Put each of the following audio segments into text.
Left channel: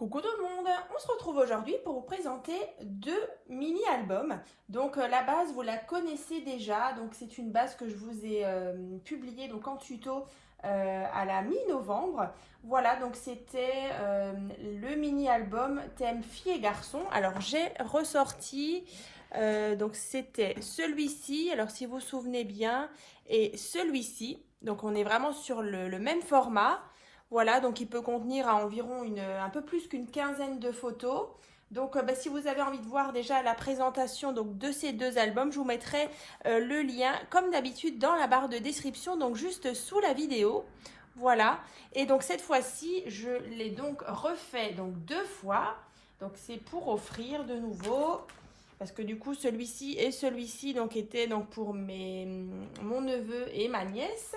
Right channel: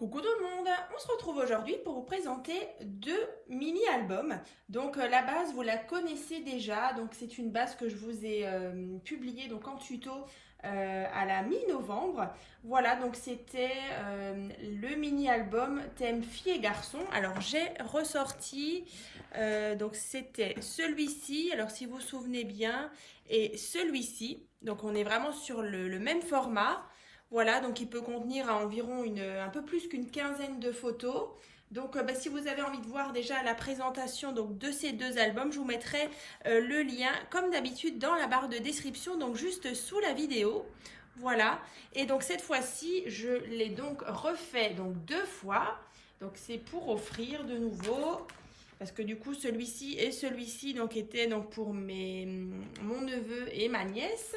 Coucou tout le monde, on se retrouve aujourd'hui pour vous présenter deux mini-albums. Donc la base, vous la connaissez déjà, donc c'est une base que je vous ai publiée donc en tuto à la mi-novembre. Voilà, donc c'était le mini-album thème filles et garçons. Alors j'ai ressorti, donc c'était celui-ci, alors si vous vous souvenez bien, et celui-ci. Donc on est vraiment sur le même format. Voilà, donc il peut contenir à environ un peu plus qu'une quinzaine de photos. Donc si vous avez envie de voir déjà la présentation donc, de ces deux albums, je vous mettrai le lien comme d'habitude dans la barre de description, donc juste sous la vidéo. Voilà, et donc cette fois-ci, je l'ai donc refait donc deux fois. Donc c'est pour offrir de nouveau, parce que du coup celui-ci et celui-ci donc étaient donc pour mon neveu et ma nièce.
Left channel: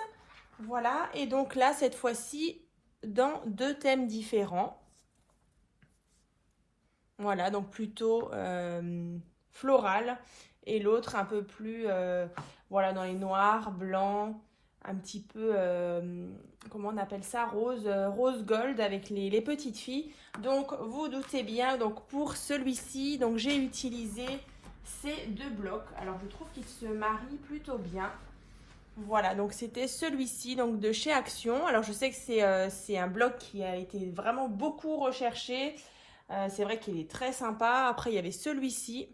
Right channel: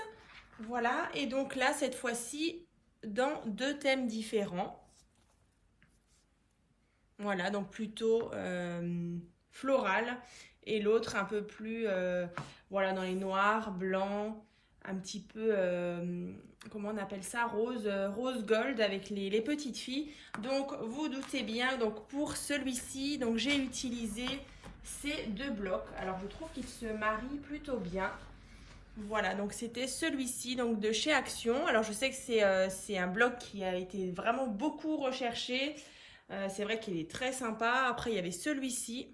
Voilà, et donc là cette fois-ci dans deux thèmes différents. Voilà, donc plutôt floral et l'autre un peu plus voilà, dans les noirs, blancs, un petit peu comment on appelle ça, rose gold avec les petites filles. Donc vous doutez bien, donc pour celui-ci, donc j'ai utilisé ces deux blocs. Alors je trouve qu'ils se marient plutôt bien. Voilà, donc c'était celui-ci donc de chez Action. Alors je sais que c'est un bloc qui a été vraiment beaucoup recherché. C'est vrai qu'il est très sympa. Après il y avait celui-ci.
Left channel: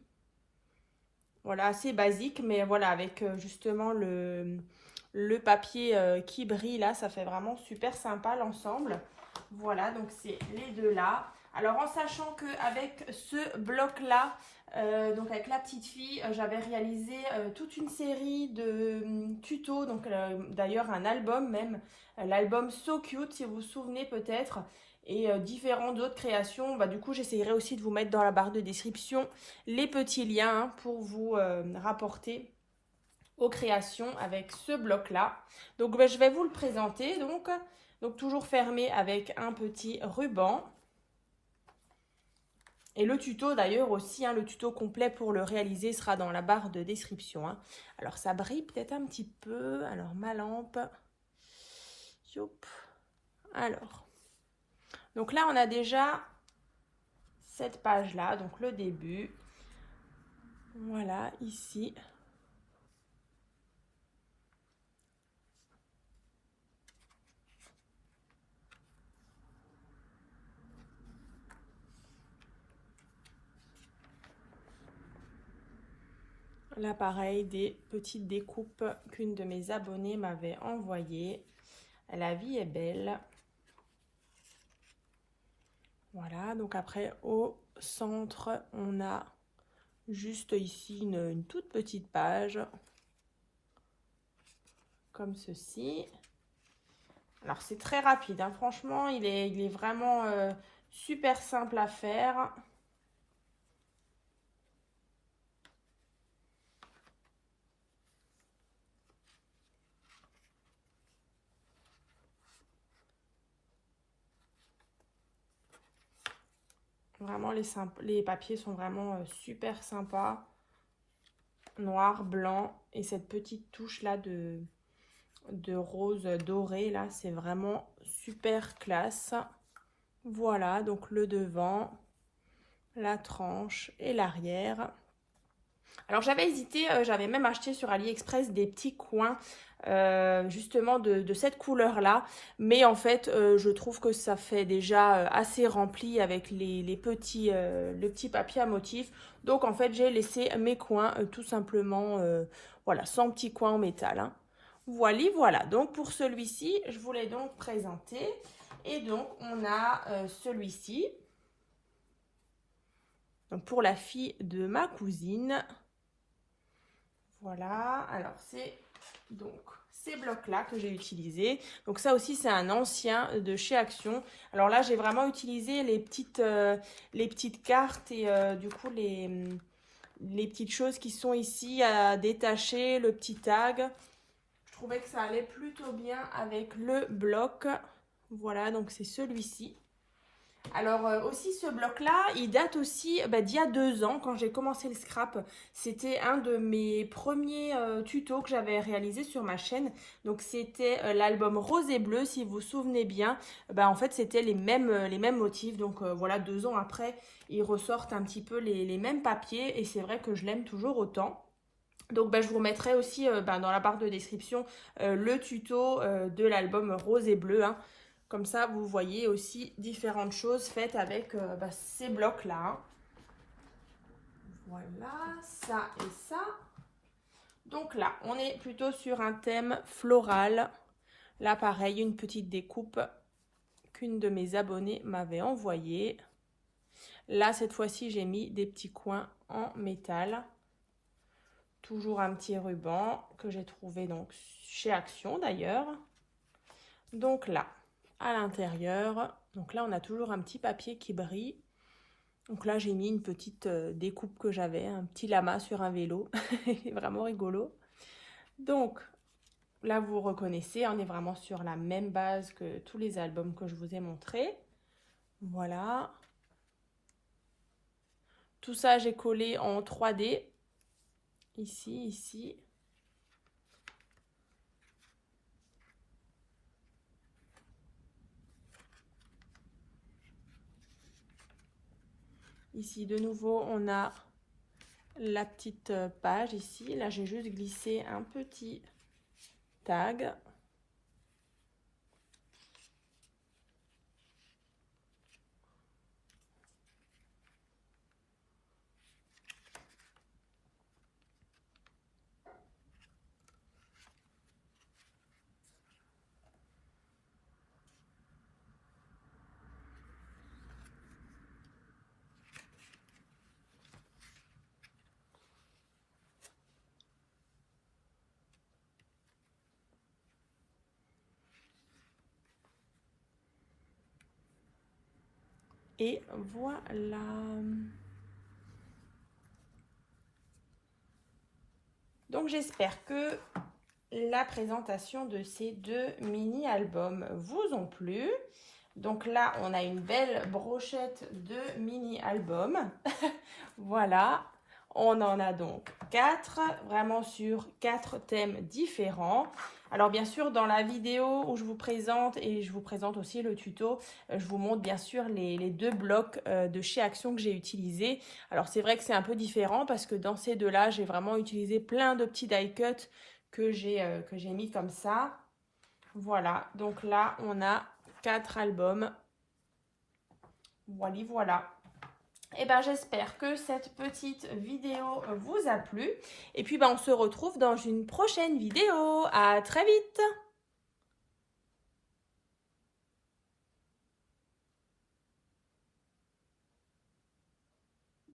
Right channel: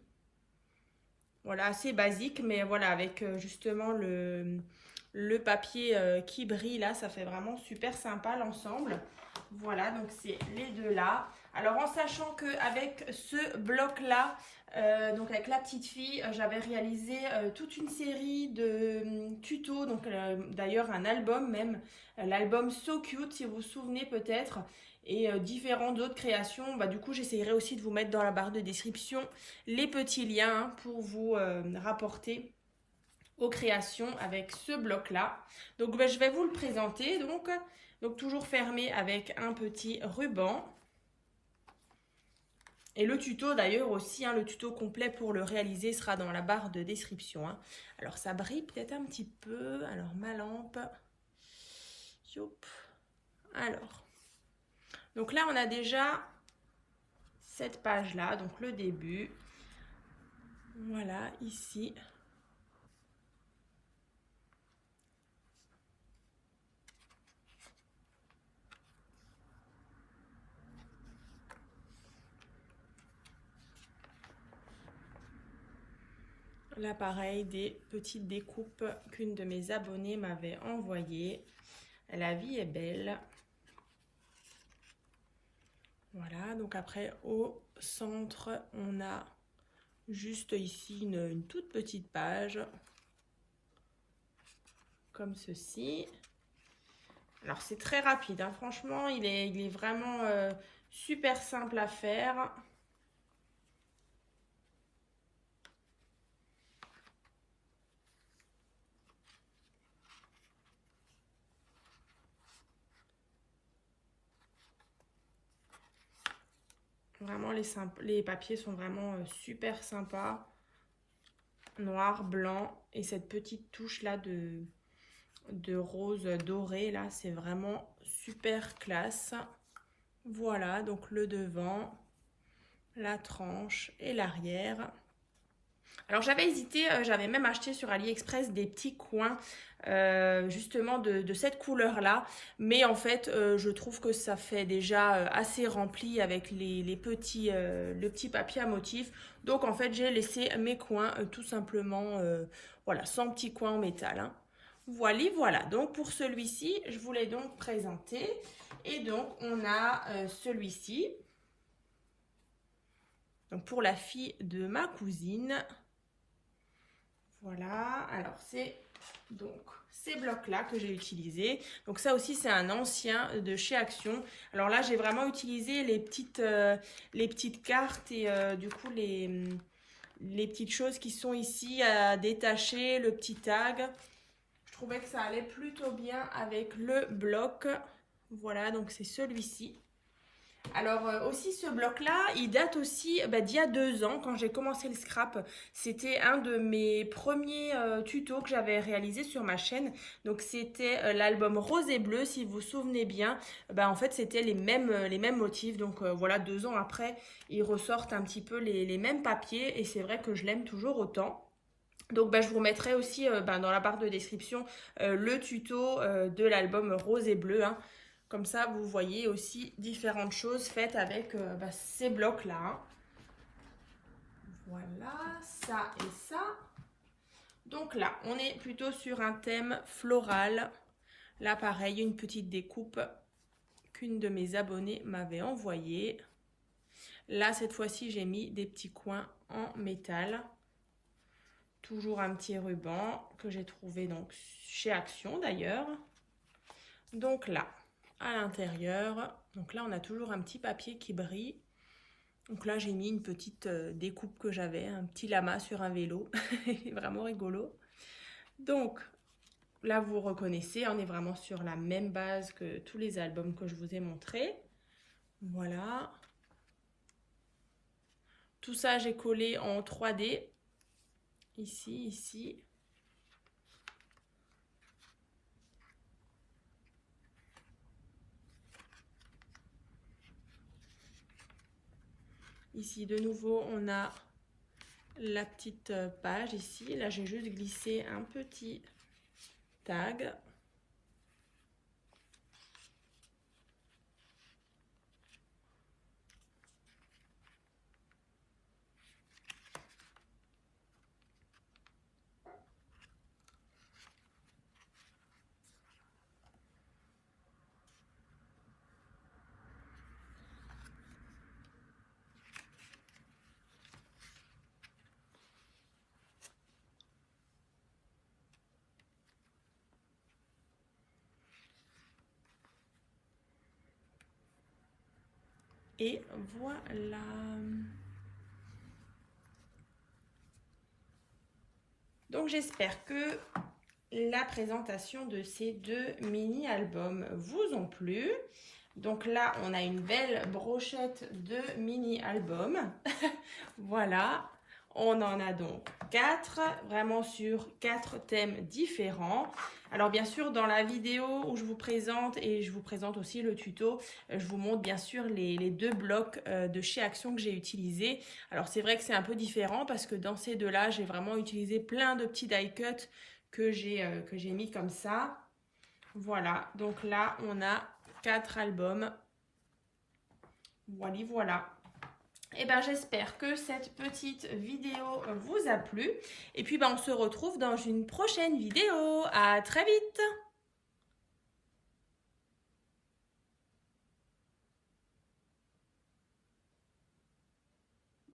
Voilà, assez basique, mais voilà, avec justement le papier qui brille là, ça fait vraiment super sympa l'ensemble. Voilà, donc c'est les deux là. Alors en sachant qu'avec ce bloc là, donc avec la petite fille, j'avais réalisé toute une série de tutos, donc d'ailleurs un album même, l'album So Cute si vous vous souvenez peut-être, et différentes d'autres créations. Bah, du coup j'essaierai aussi de vous mettre dans la barre de description les petits liens hein, pour vous rapporter aux créations avec ce bloc là. Donc bah, je vais vous le présenter donc toujours fermé avec un petit ruban. Et le tuto d'ailleurs aussi, hein, le tuto complet pour le réaliser sera dans la barre de description. Hein. Alors ça brille peut-être un petit peu. Alors ma lampe. Youp. Alors. Donc là on a déjà cette page là, donc le début. Voilà, ici. Là, pareil, des petites découpes qu'une de mes abonnées m'avait envoyées. La vie est belle. Voilà, donc après, au centre, on a juste ici une toute petite page. Comme ceci. Alors, c'est très rapide. Hein. Franchement, il est vraiment super simple à faire. Vraiment, les papiers sont vraiment super sympas. Noir, blanc et cette petite touche là de rose doré là, c'est vraiment super classe. Voilà, donc le devant, la tranche et l'arrière. Alors j'avais hésité, j'avais même acheté sur AliExpress des petits coins justement de cette couleur là, mais en fait je trouve que ça fait déjà assez rempli avec le petit papier à motif. Donc en fait j'ai laissé mes coins tout simplement voilà, sans petits coins en métal. Hein. Voilà, donc pour celui-ci je voulais donc présenter, et donc on a celui-ci. Donc pour la fille de ma cousine. Voilà, alors c'est donc ces blocs-là que j'ai utilisés. Donc ça aussi, c'est un ancien de chez Action. Alors là, j'ai vraiment utilisé les petites cartes et du coup, les petites choses qui sont ici à détacher, le petit tag. Je trouvais que ça allait plutôt bien avec le bloc. Voilà, donc c'est celui-ci. Alors aussi ce bloc-là, il date aussi d'il y a 2 ans quand j'ai commencé le scrap. C'était un de mes premiers tutos que j'avais réalisé sur ma chaîne. Donc c'était l'album Rose et Bleu, si vous vous souvenez bien. En fait c'était les mêmes motifs. Donc voilà, 2 ans après, ils ressortent un petit peu les mêmes papiers et c'est vrai que je l'aime toujours autant. Donc je vous mettrai aussi dans la barre de description le tuto de l'album Rose et Bleu, hein. Comme ça, vous voyez aussi différentes choses faites avec ces blocs-là, hein. Voilà, ça et ça. Donc là, on est plutôt sur un thème floral. Là, pareil, une petite découpe qu'une de mes abonnées m'avait envoyée. Là, cette fois-ci, j'ai mis des petits coins en métal. Toujours un petit ruban que j'ai trouvé donc chez Action d'ailleurs. Donc là, à l'intérieur, donc là on a toujours un petit papier qui brille. Donc là j'ai mis une petite découpe que j'avais, un petit lama sur un vélo. Vraiment rigolo. Donc là vous reconnaissez, on est vraiment sur la même base que tous les albums que je vous ai montrés. Voilà. Tout ça j'ai collé en 3D. Ici, ici. Ici, de nouveau, on a la petite page ici. Là, j'ai juste glissé un petit tag. Et voilà. Donc j'espère que la présentation de ces 2 mini-albums vous ont plu. Donc là, on a une belle brochette de mini-albums. Voilà. On en a donc 4, vraiment sur 4 thèmes différents. Alors bien sûr, dans la vidéo où je vous présente et je vous présente aussi le tuto, je vous montre bien sûr les 2 blocs de chez Action que j'ai utilisés. Alors c'est vrai que c'est un peu différent parce que dans ces 2-là, j'ai vraiment utilisé plein de petits die cuts que j'ai mis comme ça. Voilà, donc là, on a 4 albums. Voilà, voilà. Et j'espère que cette petite vidéo vous a plu. Et puis on se retrouve dans une prochaine vidéo. À très vite!